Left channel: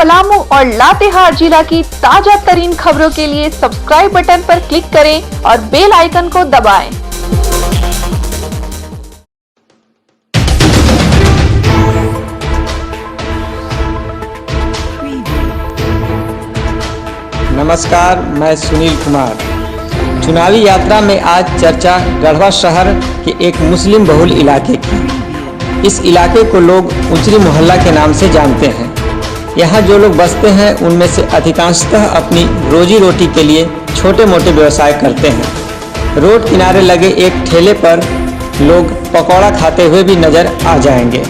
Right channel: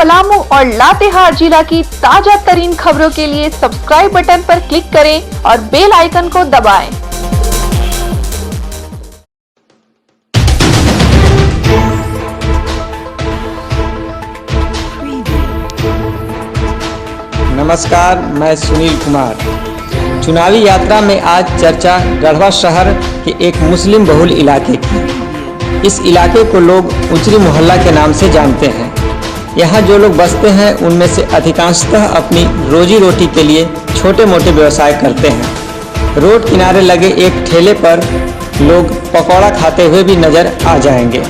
पलामू और लातेहार जिला की ताजा तरीन खबरों के लिए सब्सक्राइब बटन पर क्लिक करें और बेल आइकन को दबाएं। नमस्कार, मैं सुनील कुमार। चुनावी यात्रा में आज चर्चा गढ़वा शहर के एक मुस्लिम बहुल इलाके की। इस इलाके को लोग उचरी मोहल्ला के नाम से जानते हैं। यहाँ जो लोग बसते हैं उनमें से अधिकांशतः अपनी रोजी रोटी के लिए छोटे मोटे व्यवसाय करते हैं। रोड किनारे लगे एक ठेले पर लोग पकौड़ा खाते हुए भी नजर आ जाएंगे।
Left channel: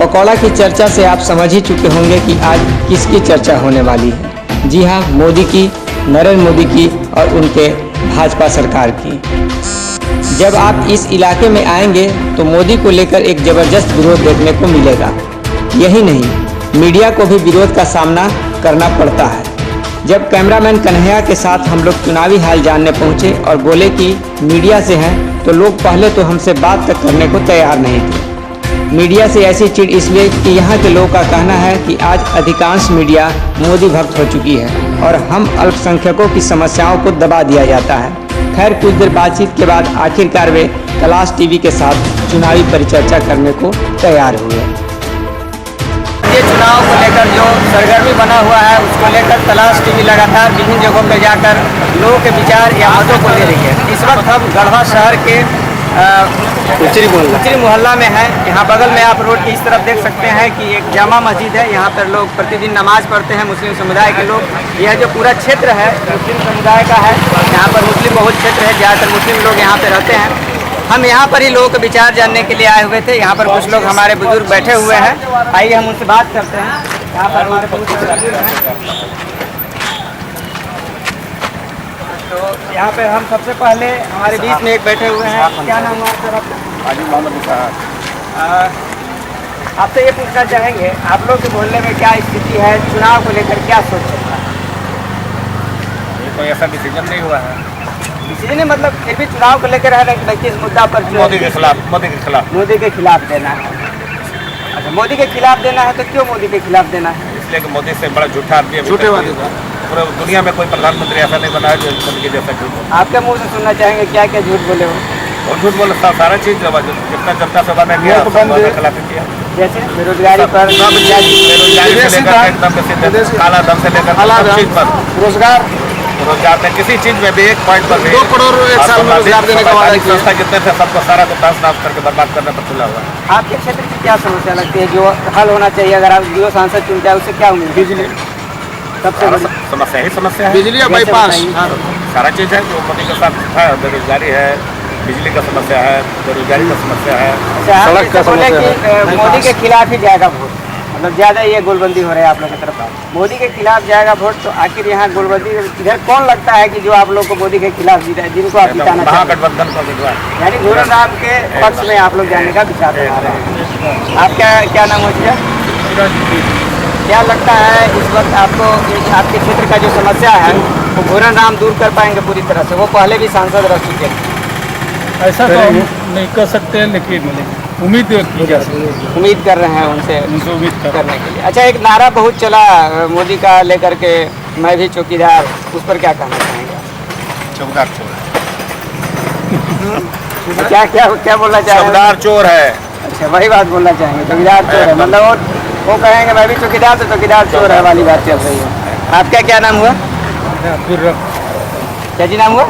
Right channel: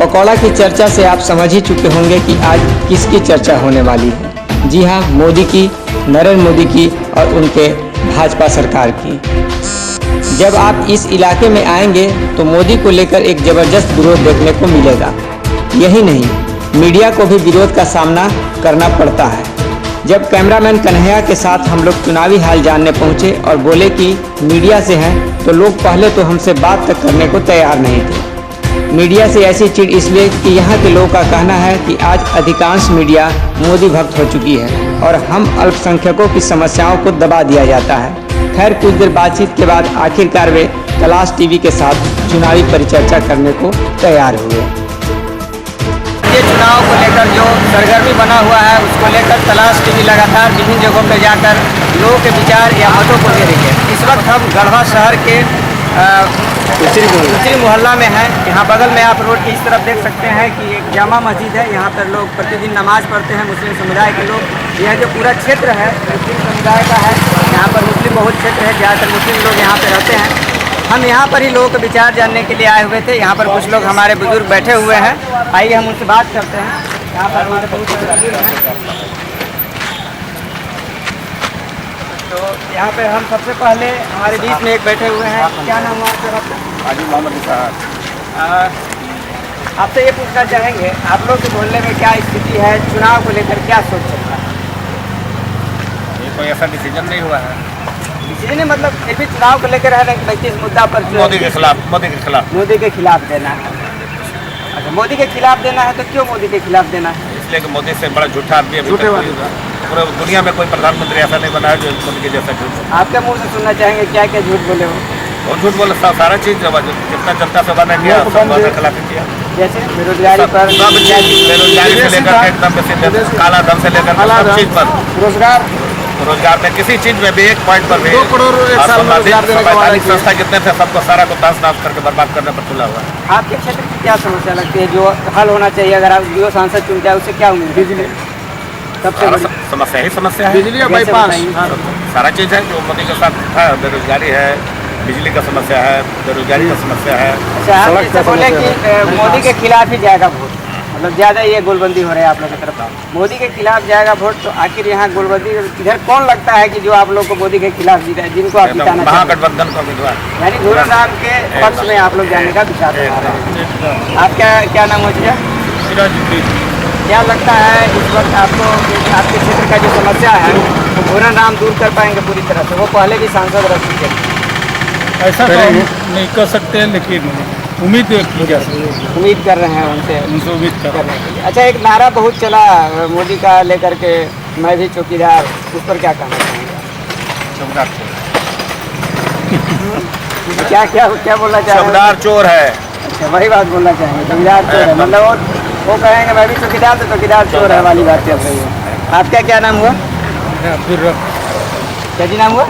पकौड़ा की चर्चा से आप समझ ही चुके होंगे कि आज किसकी चर्चा होने वाली है। जी हाँ, मोदी की, नरेंद्र मोदी की और उनके भाजपा सरकार की। जब आप इस इलाके में आएंगे तो मोदी को लेकर एक ज़बरदस्त विरोध देखने को मिलेगा। यही नहीं, मीडिया को भी विरोध का सामना करना पड़ता है। जब कैमरामैन कन्हैया के साथ हम लोग चुनावी हाल जानने पहुंचे और बोले कि मीडिया से हैं, तो लोग पहले तो हमसे बात तक करने को तैयार नहीं थे। मीडिया से ऐसी चिढ़ इसलिए कि यहाँ के लोगों का कहना है कि आज अधिकांश मीडिया मोदी भक्त हो चुकी है और हम अल्पसंख्यकों की समस्याओं को दबा दिया जाता है। खैर, कुछ देर बातचीत के बाद आखिरकार वे तलाश टीवी के साथ चुनावी परिचर्चा करने को तैयार हुए। ये चुनाव को लेकर जो सरगर्मी बना हुआ है उसको लेकर तलाश टीवी लगातार विभिन्न जगहों पर जाकर लोगों के विचार या मतों को ले रही है। इस वक्त हम गढ़वा शहर के उचरी मोहल्ला में है। यहाँ बगल में आप रोड की इस तरफ देख सकते हैं कि एक जामा मस्जिद है। यहाँ पर लोग प्रतिदिन नमाज पढ़ते हैं, मुस्लिम समुदाय के लोग। यह जो पूरा क्षेत्र है मुस्लिम समुदाय का है। यहाँ पर मुस्लिम बहुत क्षेत्र है, ज़्यादातर मुस्लिम लोग यहाँ पर रहते हैं। हम यहाँ पर ही लोगों के विचार जानने के लिए आए हुए थे। यहाँ पर कुछ लोग हमारे बुजुर्ग बैठे हुए हैं, आइए हम उनसे बात करते हैं। यहाँ पर हमारे बहुत सारे बुजुर्ग हैं। तो यहाँ पे हम सबसे पहले हमारे बीच में एक बैठे हुए हैं। क्या नाम हुआ आपका? हाजी मोहम्मद निसार। आपसे ये पूछना चाहेंगे, आप लोग के मोहल्ले में क्या स्थिति है, चुनाव को लेकर क्या सोच सकता है? ये कोई ऐसा डिसीजन नहीं हुआ है। डिसीजन मतलब फिर भी चुनाव को लेकर है ना, किस मुद्दा पर? मोदी के खिलाफ। मोदी के खिलाफ देना है। अच्छा, मोदी के खिलाफ देना है तो क्यों मोदी के खिलाफ देना है? इसलिए कि मोदी से बड़ा झूठा आदमी है। पूरे दुनिया में कोई प्रधानमंत्री ऐसा नहीं बना है जो मोदी के जैसा झूठ। आपके मुँह से सुनना चाहेंगे क्या क्या झूठ बोले हो? और झूठ बोले सारा चीज़ जितना जनता से वादा किया खिलाफ किया। जैसे बेरोजगारी पर, बेरोजगारी से लेकर एकदम काला धन से लेकर सब चीज़ पर, रोजगार में किसी चीज़ में भी एक पॉइंट पर भी 2 करोड़ एक साल में रोजगार देने का वादा किया। संस्था जितने थे सबको सारा को ताश नाश करके बर्बाद करने पर तुला हुआ है। आपके क्षेत्र की क्या समस्या लगती है जो हल होना चाहिए? अगर आप जो सांसद चुनते हैं उससे क्या उम्मीद? बिजली सबसे बड़ी समस्या ही समस्या है। बिजली या बाईपास, सारा चीज़ है जो मोदी के साथ है। बेरोजगारी है, बिजली का समस्या है, बेरोजगारी का समस्या है। अच्छा, आप जैसे बोले कि मोदी के खिलाफ ही जाएगा वोट, मतलब ज़्यादा ये गोलबंदी हो रही है आप लोगों की तरफ। मोदी के खिलाफ जाएगा वोट, तो आखिर यहाँ गोलबंदी इधर कौन लगता है कि जो आप लोग को मोदी के खिलाफ जीता है, जिनको आप जिताना चाहते हैं? महागठबंधन का उम्मीदवार यानी घोरन राम के पक्ष में आप लोग जाने का विचार बना रहे हैं। आप क्या नाम हो चुका? क्या लगता है इस वक्त आपको आपके क्षेत्र का जो समस्या है वो घोरन राम दूर कर पाएंगे पूरी तरह से? वो पहले भी सांसद रह चुके हैं। ऐसा तो नहीं कर सकते, लेकिन उम्मीद की जा सकती है। उम्मीद कर रहे हैं उनसे उम्मीद करने के लिए। अच्छा, एक नारा बहुत चला मोदी का लेकर के, मैं भी चौकीदार, उस पर क्या कहना चाहेंगे? चौकीदार चोर क्या बोलना चाहेंगे? चौकीदार चोर है। अच्छा, वही बात बोलना चाहेंगे, चौकीदार चोर है। मतलब वो कहेंगे मैं भी चौकीदार, तो चौकीदार चोर है वाली बात चल रही है। आपका क्या नाम हुआ? क्या जी नाम हुआ?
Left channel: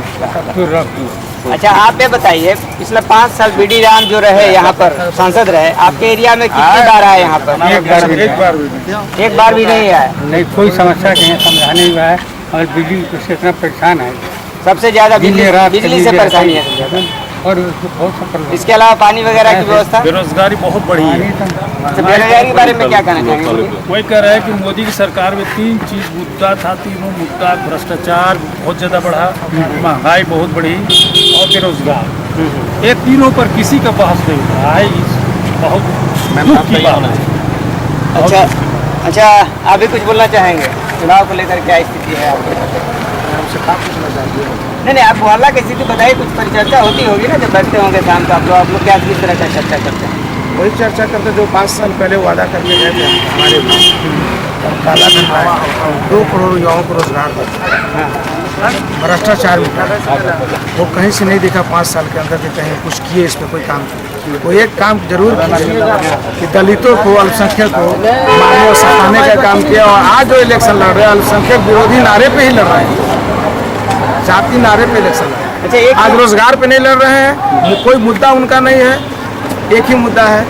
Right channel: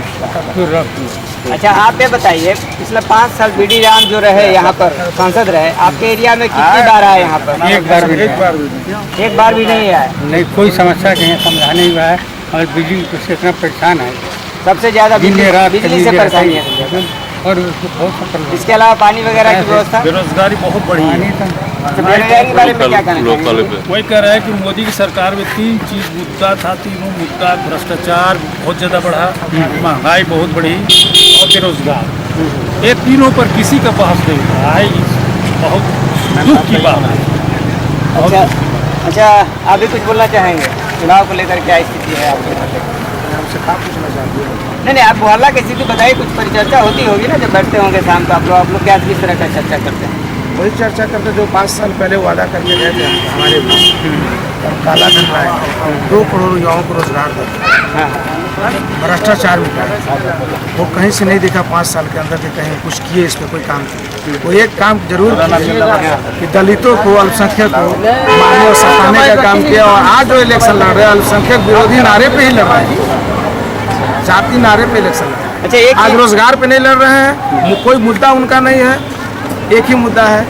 अच्छा, आप ये बताइए, पिछले 5 साल बीडी राम जो रहे यहाँ पर सांसद रहे, आपके एरिया में कितनी बार आए यहाँ पर? एक बार भी नहीं आए। नहीं, कोई समस्या नहीं है, समाधान नहीं हुआ है और बिजली से इतना परेशान है। सबसे ज्यादा बिजली से परेशानी है। और बहुत इसके अलावा पानी वगैरह की व्यवस्था? बेरोजगारी बहुत बड़ी है। अच्छा, बेरोजगारी के बारे में क्या कहना चाहेंगे? वही कह रहा है कि मोदी की सरकार में 3 चीज़ मुद्दा था। तीनों मुद्दा, भ्रष्टाचार बहुत ज़्यादा बढ़ा, महंगाई बहुत बढ़ी और बेरोजगार। ये तीनों पर किसी का बहस नहीं हो रहा है। बहुत दुख की बात है। अच्छा, आप भी कुछ बोलना चाहेंगे? चुनाव को लेकर क्या स्थिति है आपके? हमसे क्या पूछना चाहती है? नहीं, आप मोहल्ला की स्थिति बताइए। कुछ परिचर्चा होती होगी ना जब बैठते होंगे शाम को आप लोग क्या किस तरह का चर्चा करते हैं? वही चर्चा करते जो 5 साल पहले वादा करके गए थे हमारे काला धन लाए, 2 करोड़ युवाओं को रोजगार दिया, भ्रष्टाचार मिटाया। वो कहीं से नहीं देखा 5 साल के अंदर कि कहीं कुछ किए, इस पर कोई काम किए। वो एक काम जरूर किया कि दलितों को, अल्पसंख्यक को मारने और सताने का काम किया। और आज जो इलेक्शन लड़ रहे हैं अल्पसंख्यक विरोधी नारे पे ही लड़ रहे हैं, जाति नारे पे इलेक्शन लड़ रहे हैं। अच्छा, एक आज रोजगार पे नहीं लड़ रहे हैं, कोई मुद्दा उनका नहीं है, एक ही मुद्दा है।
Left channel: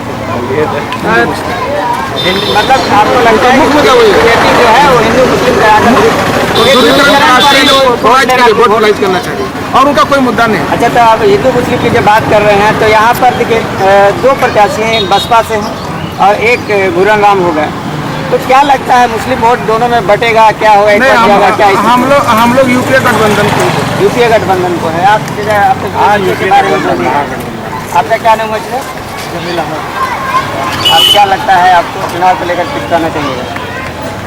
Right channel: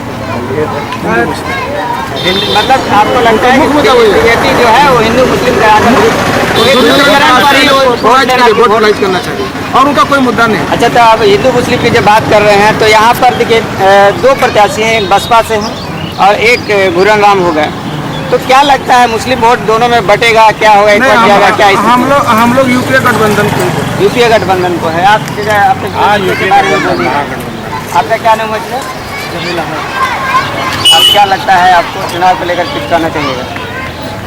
मतलब आपको लगता है कि बीजेपी जो है वो हिंदू मुस्लिम का वोट करना चाहिए और उनका कोई मुद्दा नहीं। अच्छा, तो आप हिंदू मुस्लिम की जब बात कर रहे हैं तो यहाँ पर देखिए 2 प्रत्याशी हैं, एक बसपा से हैं और एक घुरन राम हो गए। तो क्या लगता है मुस्लिम वोट दोनों में बटेगा, क्या होगा, एक जाएगा, क्या हम लोग यूपीए गठबंधन को, यूपीए गठबंधन को है। आप आपका क्या नाम है? आप क्या लगता है आपको चुनाव को लेकर कुछ कहना चाहिए?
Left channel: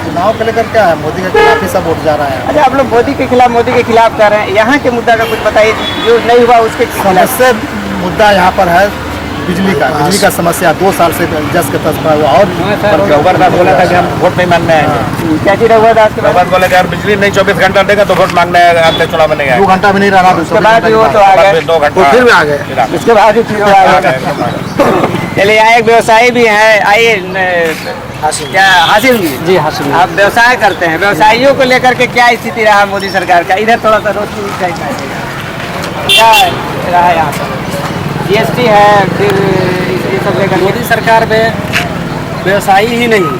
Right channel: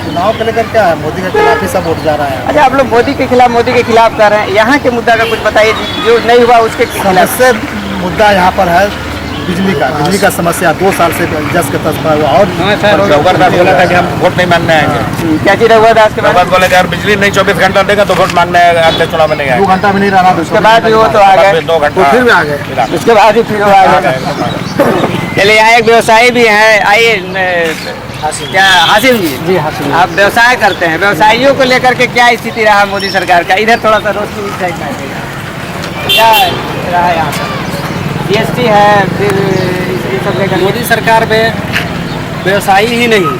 चुनाव को लेकर क्या है, मोदी के खिलाफ ही सब वोट जा रहा है। अच्छा, आप लोग मोदी के खिलाफ कर रहे हैं, यहाँ के मुद्दा का कुछ बताइए जो नहीं हुआ उसके खिलाफ। सबसे मुद्दा यहाँ पर है बिजली का समस्या 2 साल से जस के तस पर। और रघुवर दास बोला था कि हम वोट नहीं मांगने आएंगे। क्या चीज रघुवर दास के बाद? रघुवर बोले कि यार बिजली नहीं 24 घंटा देगा तो वोट मांगने अगले चुनाव में नहीं आएगा। 2 घंटा भी नहीं रहना, उसके बाद भी वो तो आ गए, 2 घंटा फिर भी आ गए, उसके बाद ही फिर वो आ गए। चलिए, यहाँ एक व्यवसायी भी है, आइए। क्या हासिल जी? हासिल। आप व्यवसाय करते हैं, व्यवसायियों को लेकर के क्या स्थिति रहा मोदी सरकार का? इधर थोड़ा सा रोशनी साइड में क्या रहा यहाँ पर? GST है, फिर ये सब लेकर मोदी सरकार में व्यवसायी ही नहीं,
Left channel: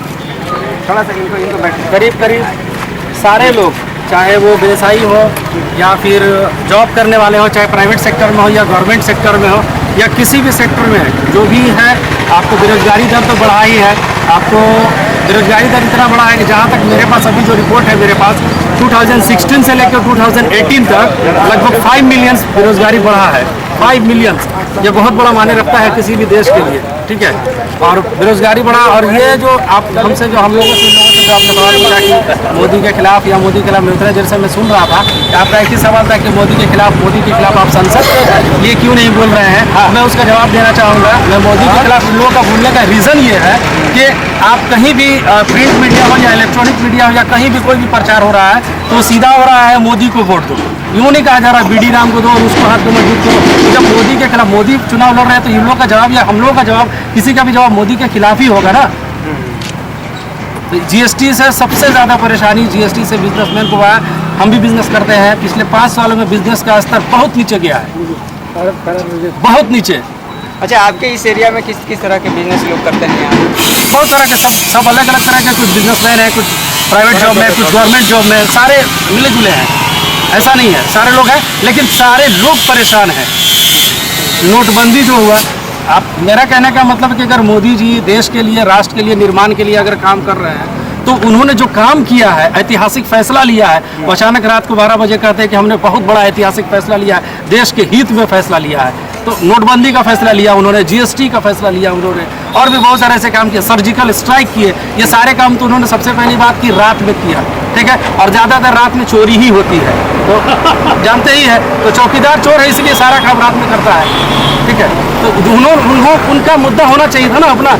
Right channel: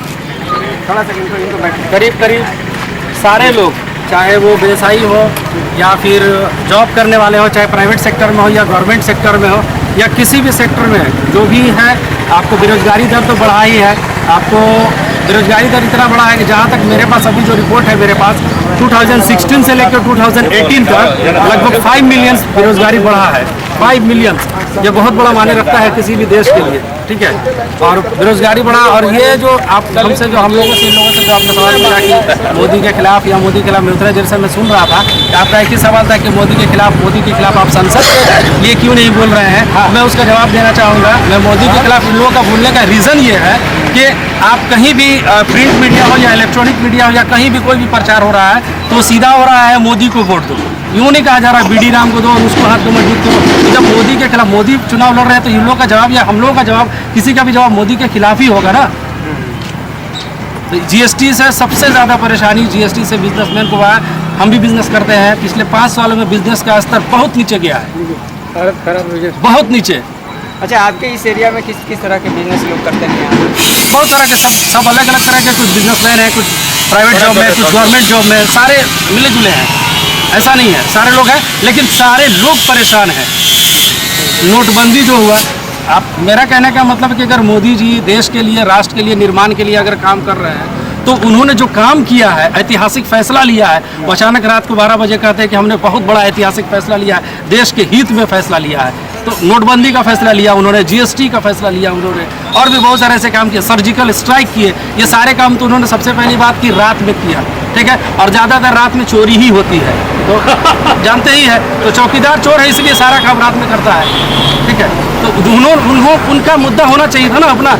थोड़ा सा इनको बैठ करीब सारे लोग, चाहे वो व्यवसायी हो या फिर जॉब करने वाले हो, चाहे प्राइवेट सेक्टर में हो या गवर्नमेंट सेक्टर में हो या किसी भी सेक्टर में जो भी है, आपको बेरोजगारी दर तो बढ़ा ही है। आपको बेरोजगारी दर इतना बढ़ा है कि जहाँ तक मेरे पास अभी जो रिपोर्ट है मेरे पास 2016 से लेकर 2018 तक लगभग 5 मिलियन बेरोजगारी बढ़ा है। 5 मिलियन, ये बहुत बड़ा मायने रखता है किसी भी देश के लिए, ठीक है। और बेरोजगारी बढ़ा, और ये जो आप हमसे जो हम लोगों से इन लोगों से जो आपने सवाल पूछा कि मोदी के खिलाफ या मोदी के खिलाफ में उतरे, जैसे मैं सुन रहा था कि आपका एक ही सवाल था कि मोदी के खिलाफ आप संसद के लिए क्यों नहीं बोल रहे हैं। मैं उसका जवाब देना चाहूँगा। मैं मोदी के खिलाफ इन लोगों का बोलने का रीज़न ये है कि आप कहीं भी प्रिंट मीडिया हो या इलेक्ट्रॉनिक मीडिया हो या कहीं भी कोई भी प्रचार हो रहा है तो सीधा हो रहा है मोदी को वोट दो, यूँ नहीं कहा जा रहा BD राम को दो और उसको हाथ दो मजबूत करो। तो जब मोदी के खिलाफ मोदी चुनाव लड़ रहे हैं तो इन लोगों का जवाब या हम लोगों का जवाब, किसी का भी जवाब मोदी के खिलाफ ही होगा ना। तो GST से सबसे ज़्यादा परेशानी GST से बिजनेसमैन को हुआ है। हम भी बिजनेस करते हैं, पिछले 5 सालों में बिजनेस का स्तर बहुत नीचे गया है, बहुत नीचे। अच्छा, आपके इस एरिया में किस तरह के बिजनेस लोग करते हैं? बहुत तरह के, सब अलग अलग तरह के, कुछ बिजनेसमैन हैं, कुछ प्राइवेट जॉब में, कुछ गवर्नमेंट जॉब में, सारे मिले जुले हैं। ऐसा नहीं है सारे लोग हैं, लेकिन सारे लोग परेशान हैं। नोटबंदी जो हुआ, आप, मेरा कहने का मतलब है कि अगर मोदी जी देश के लिए, राष्ट्र के लिए, निर्माण के लिए अगर काम कर रहे हैं तो उन्होंने जो काम किया है, ऐतिहासिक फैसला लिया है, वो अचानक रात को 12 बजे कहते हैं कि हमने बहुत बड़ा ऐतिहासिक फैसला लिया है, देश के हित में फैसला लिया है। तो नोटबंदी का फैसला लिया उन्होंने, GST का फैसला लिया उन्होंने, और भी बहुत सारे ऐसे काम किए, सर्जिकल स्ट्राइक किए। ये सारे काम तो उन्होंने सबसे पहली बात की रात में किया, ठीक है। और ज़्यादातर रात में चोरी ही होती है, तो जानते ही है। तो चौकीदार चोर है, इसलिए सारा काम रात में करता है, ठीक है। तो उनका मुद्दा होना चाहिए था ना, अपना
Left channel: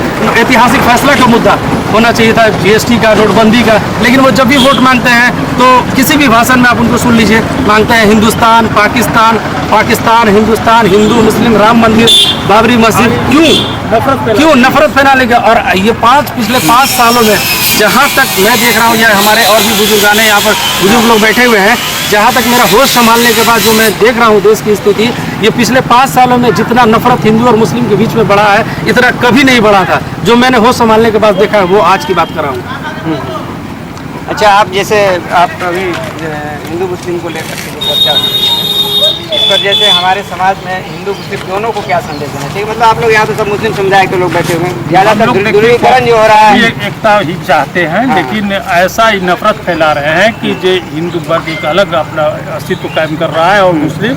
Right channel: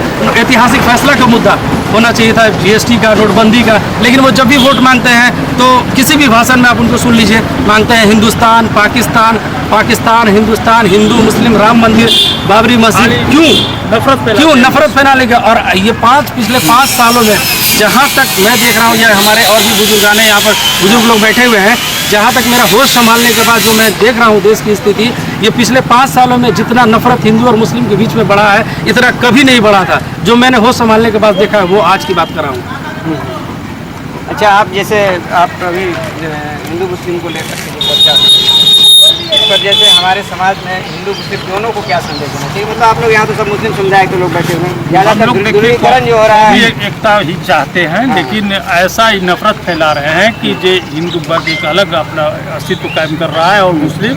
ऐतिहासिक फैसला का मुद्दा होना चाहिए था, GST का, नोटबंदी का। लेकिन वो जब भी वोट मांगते हैं तो किसी भी भाषण में आप उनको सुन लीजिए, मांगते हैं हिंदुस्तान, पाकिस्तान, पाकिस्तान, हिंदुस्तान, हिंदू मुस्लिम, राम मंदिर, बाबरी मस्जिद। क्यों नफरत फैला लेगा? और ये पिछले 5 सालों में जहाँ तक मैं देख रहा हूँ, या हमारे और भी बुजुर्गान हैं यहाँ पर, बुजुर्ग लोग बैठे हुए हैं, जहाँ तक मेरा होश संभालने के बाद जो मैं देख रहा हूँ देश की स्थिति, ये पिछले 5 सालों में जितना नफरत हिंदू और मुस्लिम के बीच में बढ़ा है, इतना कभी नहीं बढ़ा था। जो मैंने होश संभालने के बाद देखा है वो आज की बात कर रहा हूँ। अच्छा, आप जैसे आप अभी हिंदू मुस्लिम को लेकर के जो चर्चा इस पर, जैसे हमारे समाज में हिंदू मुस्लिम दोनों को क्या संदेश देना चाहिए? मतलब आप लोग यहाँ तो सब मुस्लिम समुदाय के लोग बैठे हुए हैं, ज़्यादातर ध्रुवीकरण जो हो रहा है, एकता ही चाहते हैं, लेकिन ऐसा ही नफरत फैला रहे हैं कि जो हिंदू वर्ग एक अलग अपना अस्तित्व कायम कर रहा है और मुस्लिम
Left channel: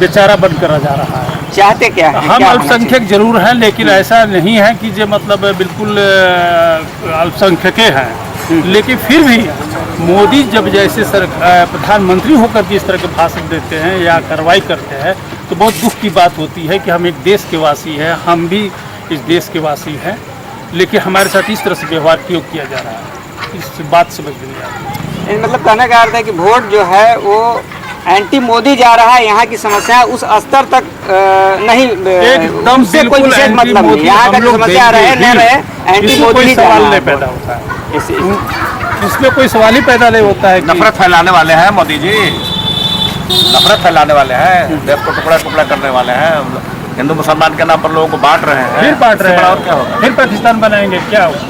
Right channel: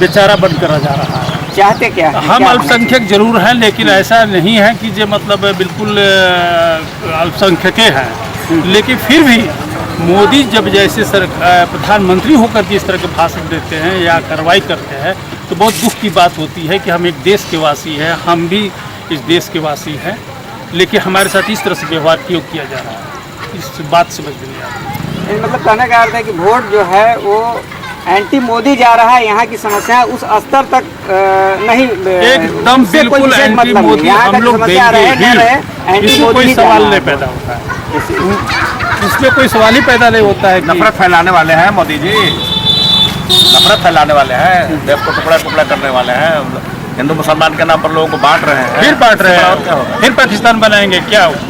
बेचारा बनकर जा रहा है। चाहते क्या है? हम अल्पसंख्यक जरूर हैं, लेकिन ऐसा नहीं है कि जो मतलब बिल्कुल अल्पसंख्यक हैं, लेकिन फिर भी मोदी जब जैसे प्रधानमंत्री होकर के इस तरह के भाषण देते हैं या कार्रवाई करते हैं तो बहुत दुख की बात होती है कि हम एक देश के वासी हैं, हम भी इस देश के वासी हैं, लेकिन हमारे साथ इस तरह से व्यवहार क्यों किया जा रहा है। इस बात समझ में नहीं आती। मतलब कहने का अर्थ है कि वोट जो है वो एंटी मोदी जा रहा है, यहाँ की समस्या उस स्तर तक नहीं, एकदम उससे कोई बिल्कुल विशेष एंटी मतलब मोदी नहीं। यहाँ का हम जो लोग समस्या रहे न देंगे रहे, ही, एंटी इसमें मोदी कोई ही सवाल जाना नहीं है। पैदा होता है, इसमें कोई सवाल ही पैदा नहीं होता है कि नफरत फैलाने वाले हैं मोदी जी, नफरत फैलाने वाले हैं, देश को टुकड़ा टुकड़ा करने वाले हैं, हिंदू मुसलमान के नाम पर लोगों को बांट रहे हैं। फिर बांट रहे और क्या हैं, होगा? फिर पाकिस्तान बनाएंगे क्या होगा?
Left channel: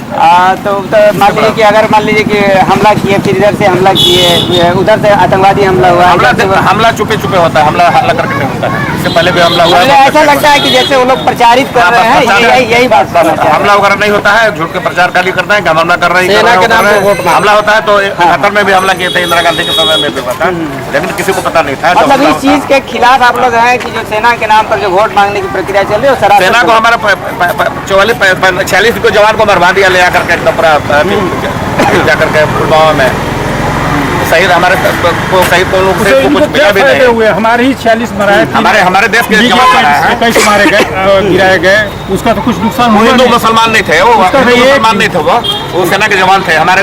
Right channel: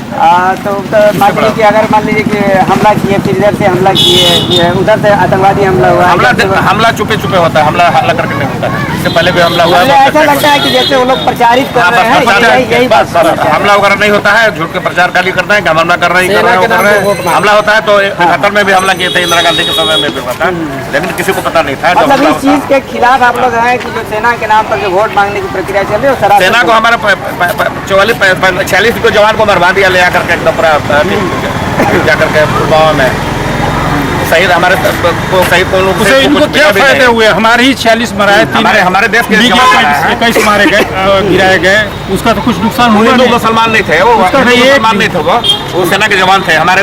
तो मान लीजिए कि अगर मान लीजिए कि हमला किए, फिर इधर से हमला किए, उधर से आतंकवादी हमला हुआ, हमला चुपे चुपे होता है, हमला करके नहीं होता है। इससे पहले भी हमला हुआ मुझे है। ऐसा लगता है कि जैसे वो लोग प्रचारित कर रहे हैं, यही बात हमला वगैरह नहीं होता है, झूठ के प्रचार खाली करते हैं कि हम हमला कर रहे हैं। हमला होता है तो 71 में भी हमला किए थे, इंदिरा गांधी के समय में भी पता, लेकिन किसी को पता नहीं था। मतलब इस चीज के खिलाफ आप लोग हैं कि जो सेना के नाम पर जो वोट मांगने की प्रक्रिया चल रही है, सेना को हमारा 46 को जवान को मरवा दिया ले आकर के एकदम पूरा जाकर के पुलवामा में शहीद हमारे को शहीद को लोग उसे इनको क्या फायदे हुए? हमारे ही 46 मराए, हमारे देश के जवान 21 मारे गए, गिराए गए, उसका तो कुछ नुकसान हुआ हिंदू नहीं। मुसलमान नहीं थे, वो मुसलमान नहीं थे, वो सेना के जवान थे, हमारे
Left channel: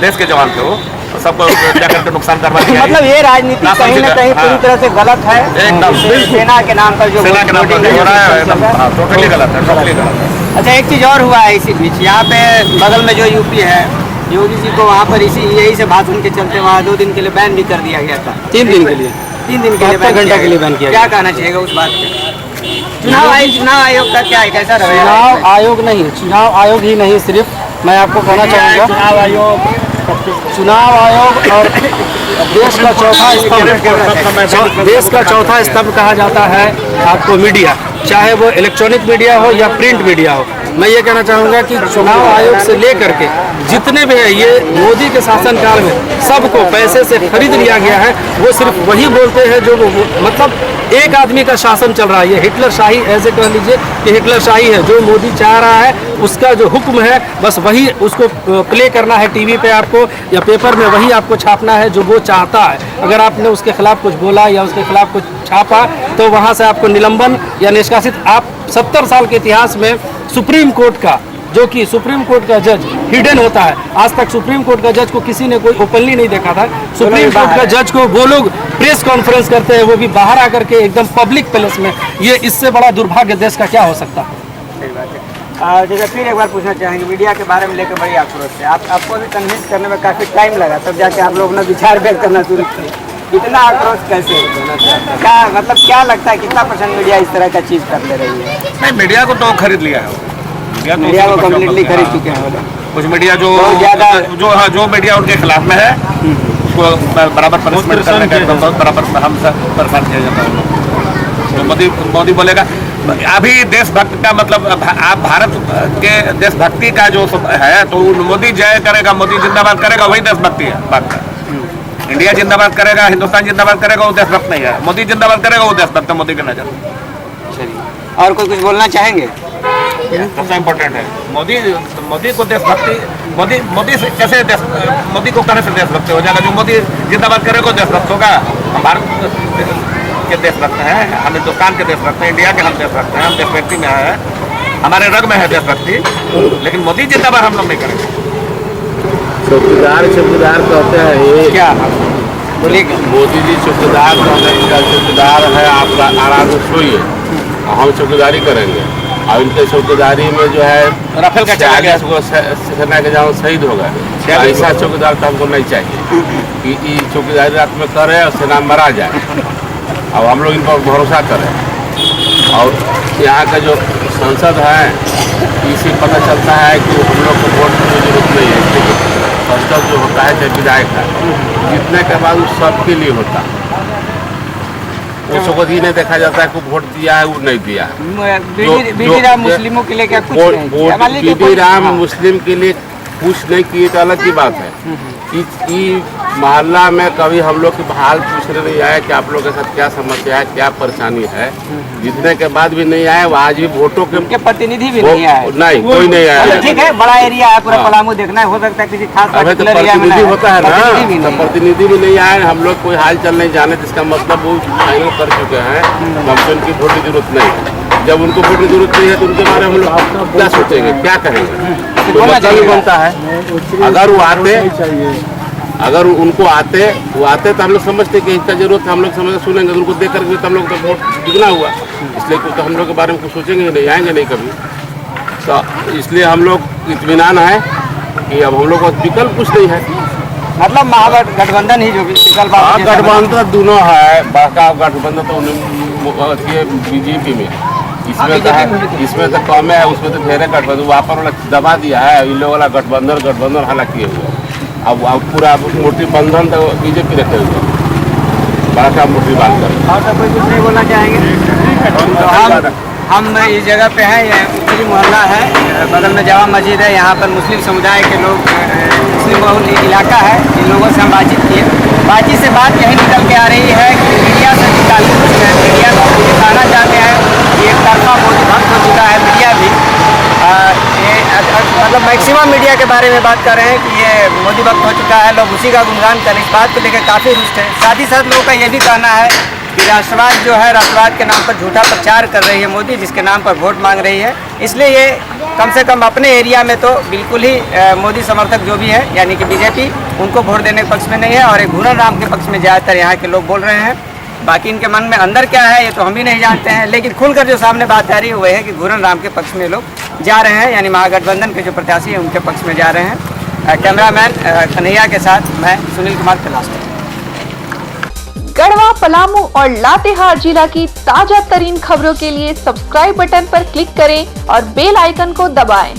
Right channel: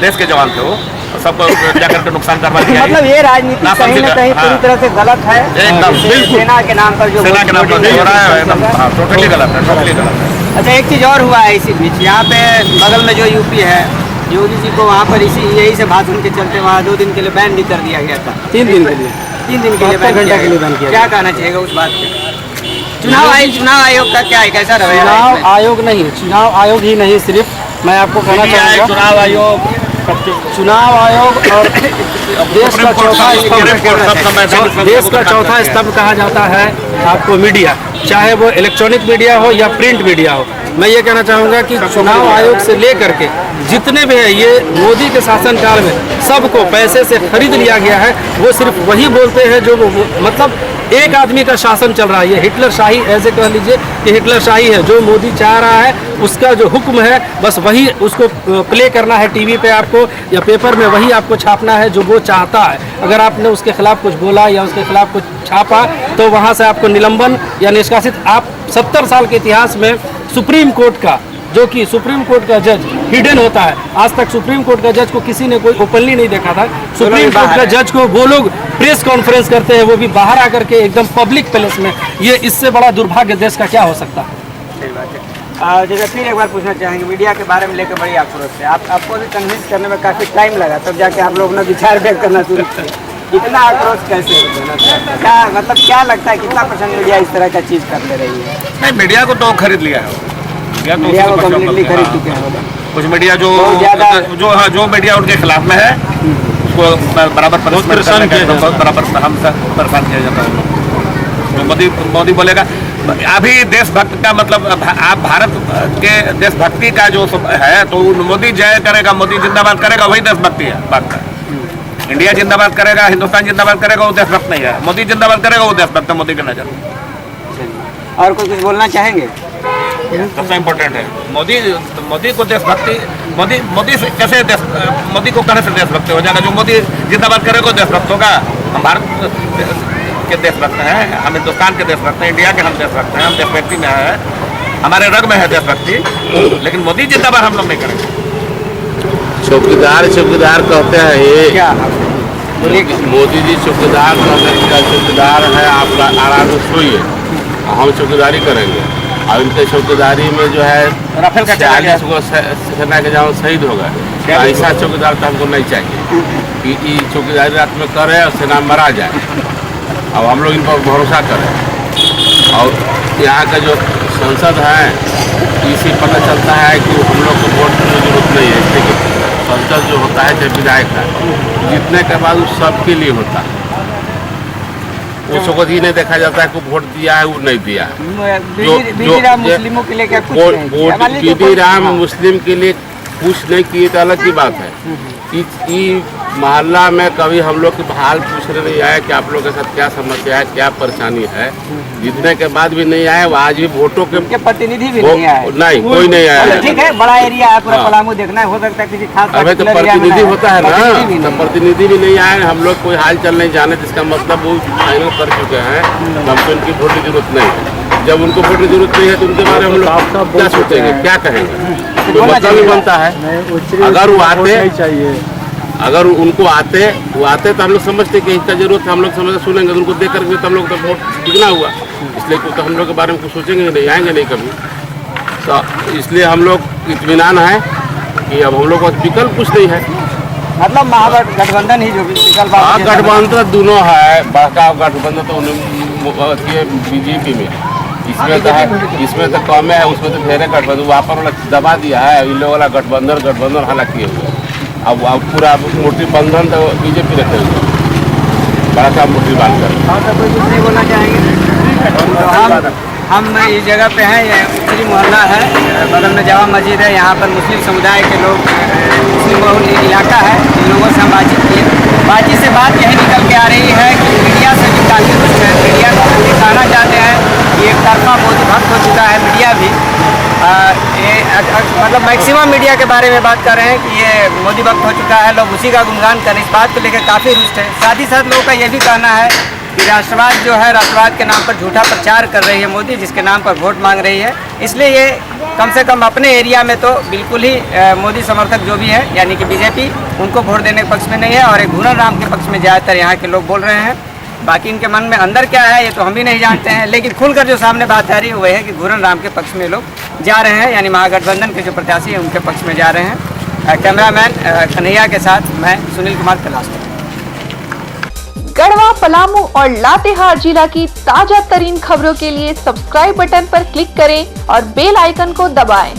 देश के जवान थे, वो सबको जाकर के नुकसान करवा दिया। मतलब ये राजनीति कहीं न कहीं पूरी तरह से गलत है, एकदम सेना के नाम पर जो सेना के नाम पर हो रहा है, एकदम टोटली गलत है, टोटली गलत है। अच्छा, एक चीज़ और हुआ है इसी बीच, यहाँ पे बगल में जो यूपी है, योगी जी को वहाँ पर यही से भाषण के चलते वहाँ 2 दिन के लिए बैन भी कर दिया गया था। 3 दिन के लिए, 3 दिन के लिए बैन किया। क्या कहना चाहिएगा उस बात पे? चुनाव आयोग का क्या है, कैसा रवैया? चुनाव आयोग नहीं, चुनाव आयोग ही नहीं, सिर्फ मैं आपको कहना चाहूँगा चुनाव आयोग और देश का चौथा स्तंभ कहा जाता है आपको मीडिया, चाहे वो इलेक्ट्रॉनिक मीडिया हो या प्रिंट मीडिया हो। मैं ये कहना चाहूँगा कि चुनाव आयोग से लेकर के जितने भी है, ये मोदी के शासनकाल में सबको पैसे से खरीद लिया गया है। वो सिर्फ वही बोलते हैं जो मतलब एक आदमी का शासन चल रहा है, ये हिटलर शाही, ऐसे कह लीजिए कि हिटलर शाही है। जो मोदी चाह रहा है उसका जो हुक्म है, बस वही उसको प्ले करना है टीवी पे आपको या पेपर में, वही आपको छापना है जो वो चाहता है। अगर आपने उसके खिलाफ कुछ बोला या उसके खिलाफ कुछ छापा तो वहाँ से आपको निलंबन या निष्कासित। आप 70 साल के इतिहास में सुप्रीम कोर्ट का, जो कि सुप्रीम कोर्ट का जज हिडन होता है, आज तक सुप्रीम कोर्ट का जज को किसी ने कोई ओपनली नहीं देखा था। सुप्रीम कोर्ट का जज को वो लोग प्रेस कॉन्फ्रेंस करते हैं, वो भी बाहर आकर के एकदम पब्लिक प्लेस में। ये इससे बड़ा दुर्भाग्य देश का क्या हो सकता है? सही बात है। जैसे फिर एक बार पूछना चाहेंगे, मीडिया के बारे में लेकर बड़ी आक्रोश है, आपको भी कन्विंस करने में काफ़ी टाइम लगा, तब जाके आप लोग अपना विचार व्यक्त करना शुरू किए। इतना आक्रोश कैसे? क्या मतलब क्या लगता है कितना % मीडिया इस तरह का चीज़ कर ले रही है? नहीं, मीडिया को तो खरीद लिया है, मीडिया को कम्प्लीटली खरीद चुके हैं। कुछ मीडिया जो मीडिया उनके खिलाफ में है उसको बराबर पनिशमेंट करने का बराबर हम सब परेशान किया जाता है। तो मोदी बोलेगा अभी देशभक्त का मतलब आप भारत के देशभक्ति का जो है तो मोदी जय करेगा, मोदी जिंदाबाद करेगा, वही देशभक्ति है बात का। इंडिया जिंदाबाद करेगा, हिंदुस्तान जिंदाबाद करेगा, वो देशभक्त नहीं है। मोदी जिंदाबाद करेगा, वो देशभक्त है मोदी की नजर। और कोई कुछ बोलना चाहेंगे? सबसे इम्पोर्टेंट है मोदी को देशभक्ति, मोदी से कैसे मोदी को कहने से देशभक्ति हो जाएगा? जो मोदी जिंदाबाद करेगा वो देशभक्त होगा। हम भारत के देशभक्त हैं, हम हिंदुस्तान के देशभक्त हैं, इंडिया के हम देशभक्त हैं, हम देशभक्ति में है, हमारे रग में है देशभक्ति, लेकिन मोदी जिंदाबाद हम लोग नहीं करेंगे। चौकीदार कहते हैं ये क्या बोलिए? मोदी जी चौकीदार चौकीदार है, आप आराम से सोइए, हम चौकीदारी करेंगे। और इनके चौकीदारी में जो है राफेल का 40 को सेना के जवान शहीद हो गए। ऐसा चौकीदार तो हमको नहीं चाहिए कि चौकीदारी रात में करे और सेना मरा जाए। अब हम लोग इन पर भरोसा करें। और यहाँ का जो संसद है इसी पता चलता है कि हम लोग को वोट की जरूरत नहीं है, इसलिए संसद जो होता है चाहे विधायक है, जीतने के बाद उस सबके लिए होता है। उसको ये नहीं देखा जाता है कि वोट दिया है वो नहीं दिया है। बीडी राम मुस्लिमों के लिए क्या कुछ नहीं? बीडी राम मुस्लिम के लिए कुछ नहीं किए तो अलग की बात है। मोहल्ला में कभी हम लोग के हाल पूछने नहीं आया कि आप लोग के साथ क्या समस्या है, क्या परेशानी है। जीतने के बाद भी नहीं आए, आज भी वोटों के प्रतिनिधि भी नहीं आए। नहीं, कोई नहीं आया। ठीक है, बड़ा एरिया है, पूरा पलामू देखना है, हो सकता है किसी खास अभी तो प्रतिनिधि होता है ना, तो प्रतिनिधि भी नहीं आए। हम लोग कोई हाल चल नहीं जाने, जिसका मतलब वो फाइनल कर चुके हैं, हमसे उनकी वोट की जरूरत नहीं है। जब उनको वोट की जरूरत नहीं है तो उनके बारे में हम लोग क्या सोचेंगे, क्या कहेंगे? तो मतलब भी बनता है। अगर वो आते, अगर उनको आते वो आते तो हम लोग समझते कि इसका जरूरत है, हम लोग समझते सुनेंगे, उनको देख करके तो हम लोग तो वोट बिगना हुआ, इसलिए तो हम लोग के बारे में कुछ सोचेंगे नहीं, आएंगे नहीं कभी। तो इसलिए हम लोग इत्मीनान है कि अब हम लोग को विकल्प कुछ नहीं है, मतलब महागठबंधन ही जो विकल्प गठबंधन दोनों है। बड़का गठबंधन तो बीजेपी में, इसमें तो है, इसमें तो कम है, उसमें तो ढेरे गठबंधन वहाँ पर वाला दबा दिया है, इन लोग वाला गठबंधन हालांकि किए हुए। अब पूरा मोटी बंधन तो बीजेपी रखे हुए, बड़ा मोटी बात कर। और तो कोई कुछ नहीं बोलना चाहेंगे? हम इस जगह पे हैं, ये उत्तरी मोहल्ला है, बगल में जामा मस्जिद है। यहाँ पर मुस्लिम समुदाय के लोग, मुस्लिम बहुल इलाका है, इन लोगों से हम बातचीत किए। बातचीत से बात यही निकल के आ रही है कि मीडिया से भी काफ़ी रुष्ट है। मीडिया को दिखाना चाहते हैं कि एक तरफा मोदी भक्त हो चुका है मीडिया भी। मतलब मैक्सिमम मीडिया के बारे में बात कर रहे हैं कि ये मोदी भक्त हो चुका है, लोग उसी का गुणगान करें, इस बात को लेकर काफ़ी रुष्ट है। साथ ही साथ लोगों का ये भी कहना है कि राष्ट्रवाद जो है, राष्ट्रवाद के नाम पर झूठा प्रचार कर रही है मोदी, जिसके नाम पर वोट मांग रही है। इसलिए ये कम से कम अपने एरिया में तो बिल्कुल ही मोदी समर्थक जो भी है, यानी कि बीजेपी, उनको वोट देने के पक्ष में नहीं है, और एक घूरन राम के पक्ष में ज़्यादातर यहाँ के लोग बोल रहे हैं। बाकी इनके मन में अंदर क्या है ये तो हम भी नहीं जानते हैं, लेकिन खुलकर जो सामने बात आ रही है वो है कि घूरन राम के पक्ष में लोग जा रहे हैं, यानी महागठबंधन के जो प्रत्याशी हैं उनके पक्ष में जा रहे हैं। कैमरामैन कन्हैया के साथ मैं सुनील कुमार तलाश। गढ़वा, पलामू और लातेहार जिला की ताजा तरीन खबरों के लिए सब्सक्राइब बटन पर क्लिक करें और बेल आइकन को दबाएं।